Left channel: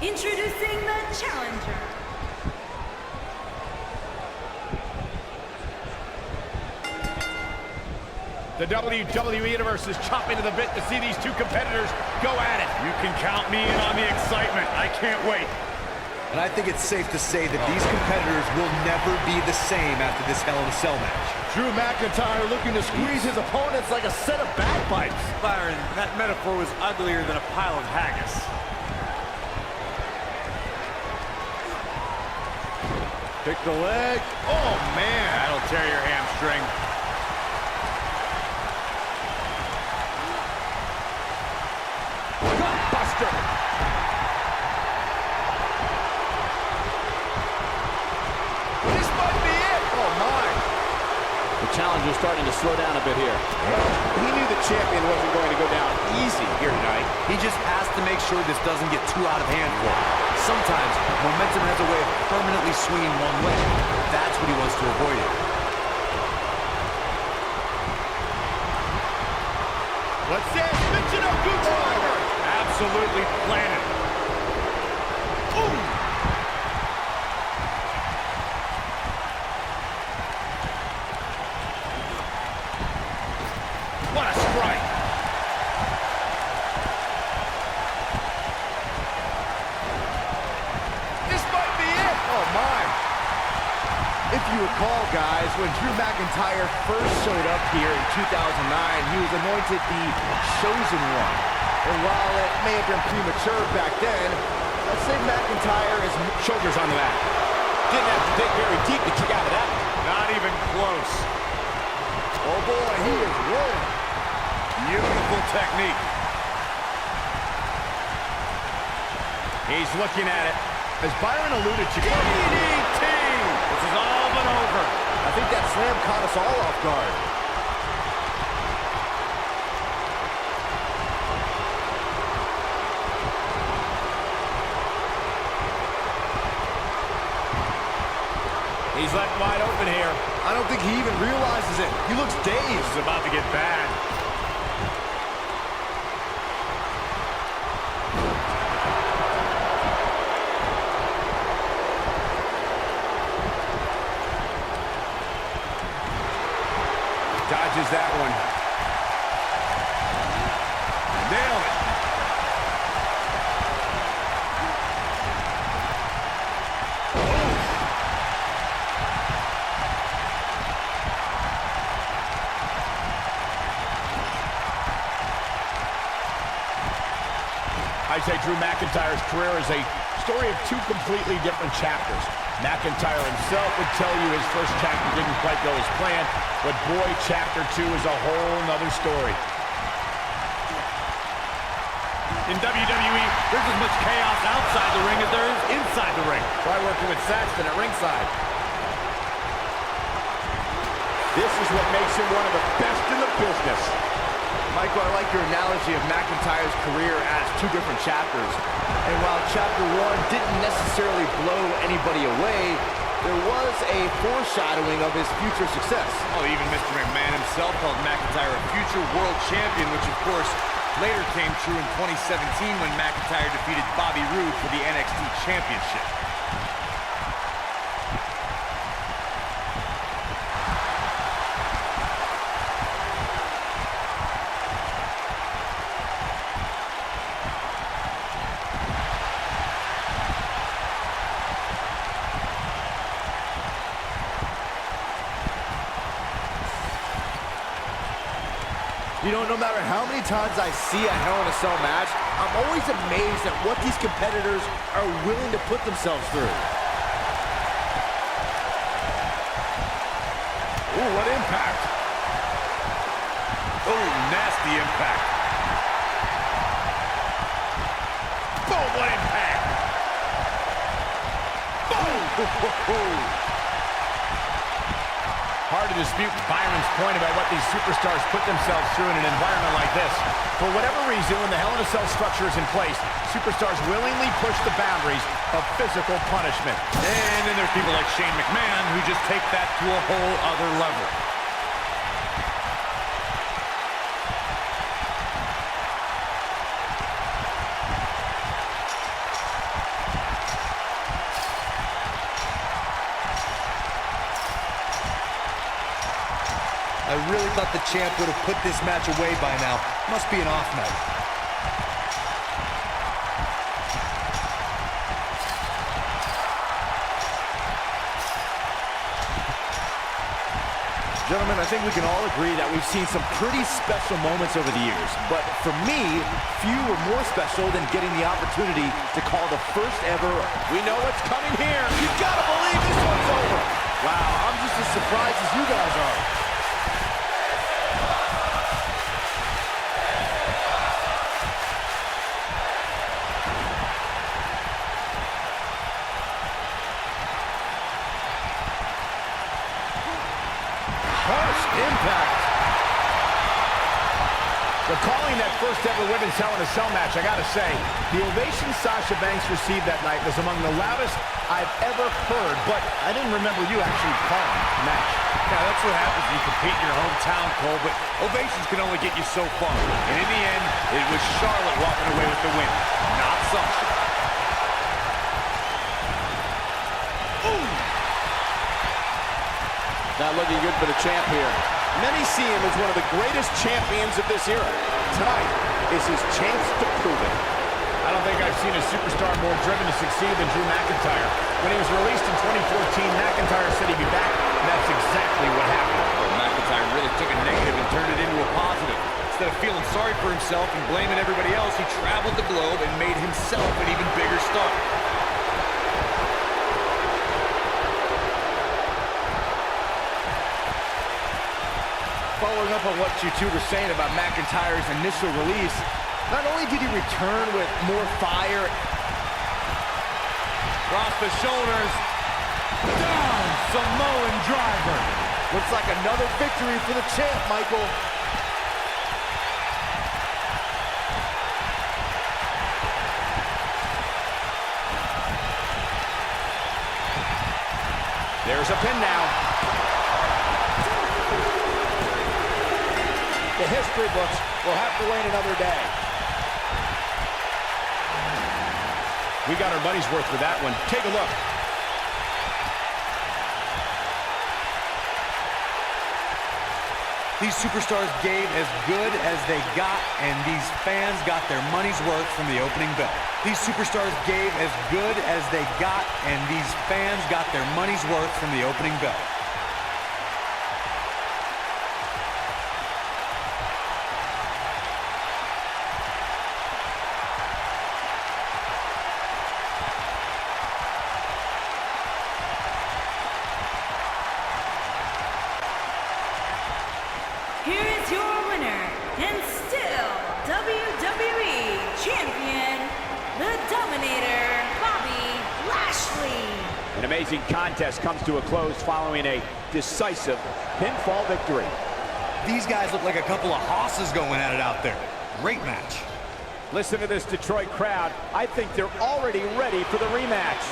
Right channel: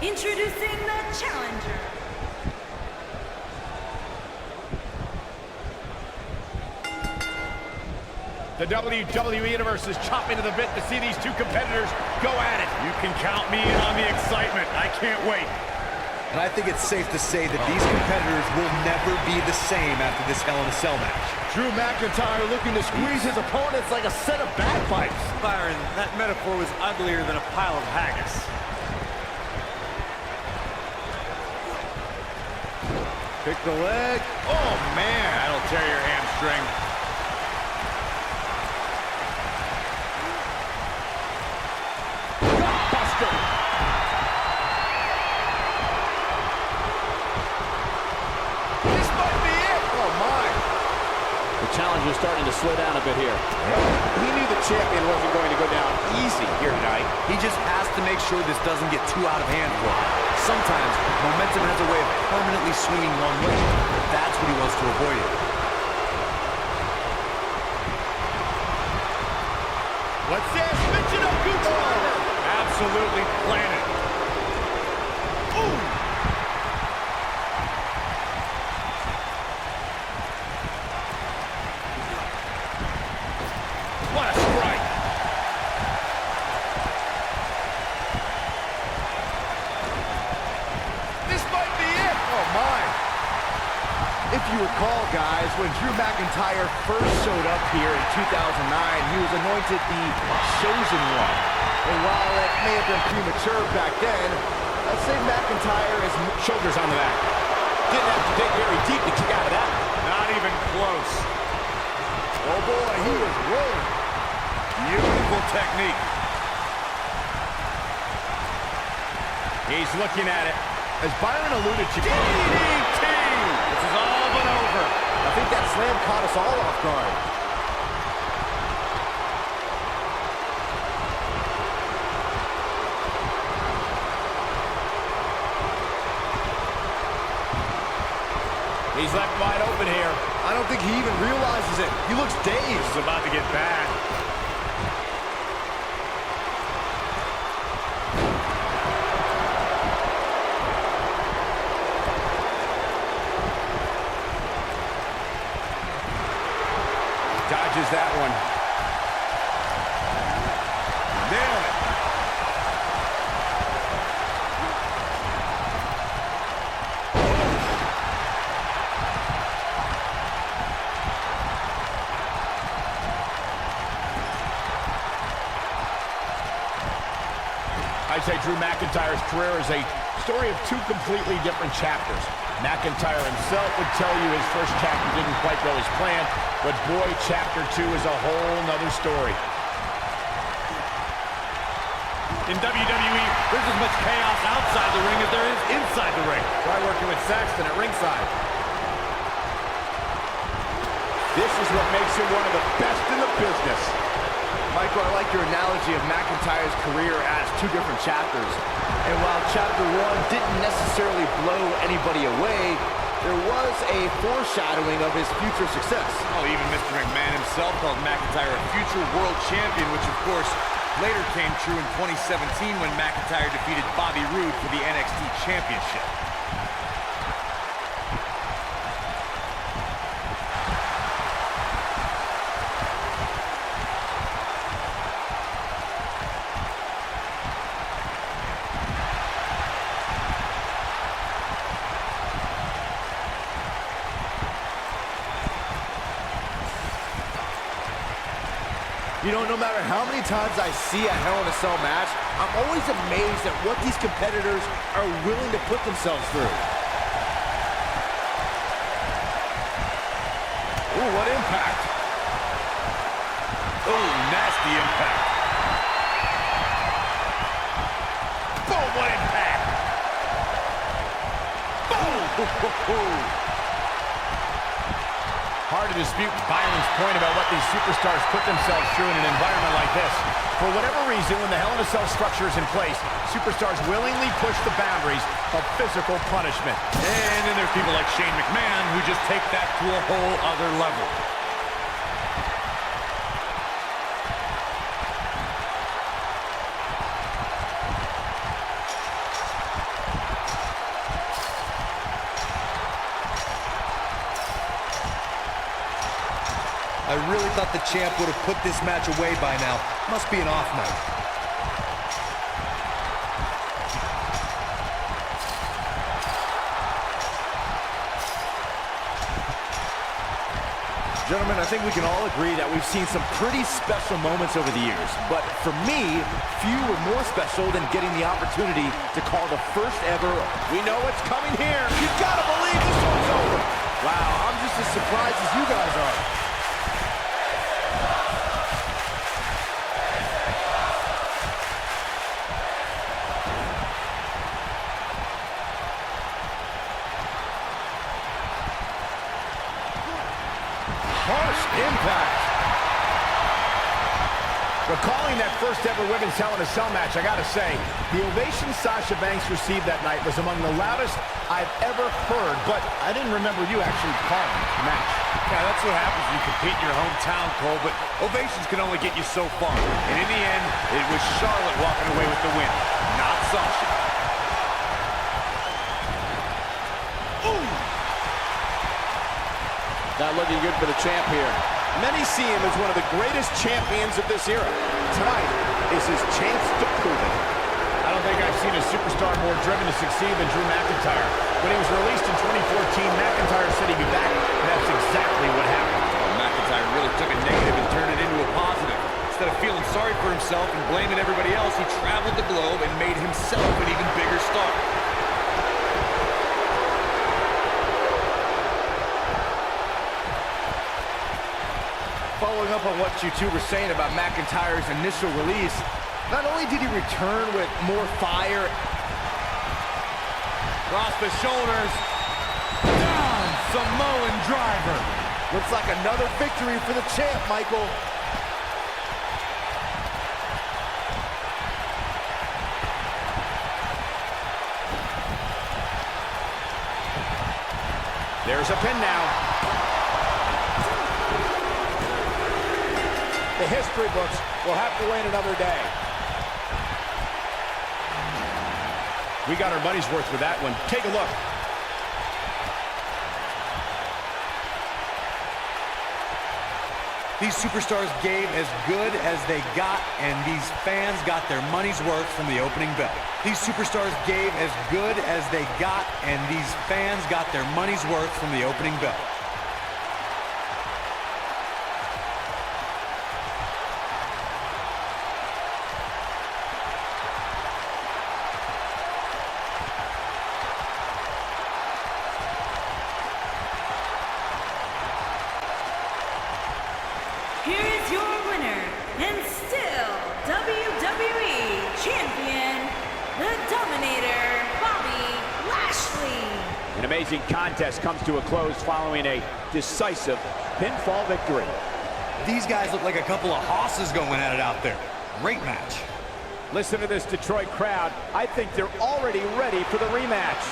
Introducing the challenger. The WWE Universe is chopping to the bit to see these two competitors go at it. You can count me in on the excitement. I can't wait. And I think it's safe to say that these competitors will never be the same after this Hell in a Cell match. Drew McIntyre looking to squeeze his opponents like a set of bagpipes. Byron, that metaphor was uglier than a pile of haggis. Pick the leg. Oh, man. That'll tear your hamstring. Gutbuster. This might be it. Oh, my. The challenger's starting to slow down a bit here. He knew the champion wasn't going to go down easy here tonight. He just has to make sure this doesn't get too out of hand for him. Sometimes, momentum has a way of permanently swinging one way. That's what he wants to avoid here. What's this? Michinoku driver. Absolutely planted. Ooh. What a strike. This might be it. Oh, my. If you recall, guys, when Drew McIntyre first showed up here in 2009, he was anointed the Chosen One. And while it may have been premature back then, I'd say McIntyre is... Shoulders on the back. Didn't have to dig very deep to kick out of that. Not even close. Oh, boy, he is rolling. Beautiful technique. He's looking at it. As Byron alluded to, DDT! This is all but over. I think that slam caught us all off guard. He's left wide open here. I don't think he even realizes it. He looks dazed. This is about to get bad. Dodges that one. Nailed it. I say Drew McIntyre's career is a story of two completely different chapters. McIntyre himself would tell you his first chapter didn't quite go as planned, but boy, chapter 2 is a whole nother story. In WWE, there's as much chaos outside the ring as there is inside the ring. Try working with Saxton at ringside. This is what makes him one of the best in the business. Michael, I like your analogy of McIntyre's career as two different chapters. And while chapter 1 didn't necessarily blow anybody away, there was a foreshadowing of his future success. Oh, even Mr. McMahon himself called McIntyre a future world champion, which of course later came true in 2017 when McIntyre defeated Bobby Roode for the NXT Championship. You know, no matter how many times I see a Hell in a Cell match, I'm always amazed at what these competitors are willing to put themselves through. Ooh, what impact. Ooh, nasty impact. Boom, what impact. Boom. Hard to dispute Byron's point about what these superstars put themselves through in an environment like this. For whatever reason, when the Hell in a Cell structure is in place, superstars willingly push the boundaries of physical punishment. And then there's people like Shane McMahon who just take that to a whole other level. I really thought the champ would have put this match away by now. Must be an off night. Gentlemen, I think we can all agree that we've seen some pretty special moments over the years. But for me, few were more special than getting the opportunity to call the first ever. We know what's coming here. You gotta believe this one's over. Wow, I'm just as surprised as you guys are. Harsh impact. Recalling that first ever women's Hell in a Cell match, I gotta say, the ovation Sasha Banks received that night was among the loudest I've ever heard, but I didn't remember you actually calling the match. Yeah, that's what happens when you compete in your hometown, Cole, but ovations can only get you so far. And in the end, it was Charlotte walking away with the win, not Sasha. Not looking good for the champ here. Many see him as one of the greatest champions of this era. Tonight is his chance to prove it. I don't think I've seen a superstar more driven to succeed than Drew McIntyre. When he was released in 2014, McIntyre said he'd be back, and that's exactly what happened. Well, McIntyre really took a negative and turned it into a positive. Instead of feeling sorry for himself and blaming everybody else, he traveled the globe and made himself an even bigger star. Following up on what you two were saying about McIntyre's initial release, not only did he return with more fire, Cross the shoulders, down, Samoan driver. looks like another victory for the champ, Michael. There's a pin now. The history books will have to wait another day. We got our money's worth for that one. Take a look. These superstars gave as good as they got, and these fans got their money's worth from the opening bell. These superstars gave as good as they got, and these fans got their money's worth from the opening bell. Here is your winner, and still WWE Champion, the Dominator, Bobby Lashley. An amazing contest comes to a close following a decisive pinfall victory. These guys look like a couple of hosses going at it out there. Great match. Listen to this Detroit crowd. I think they're already ready for the rematch.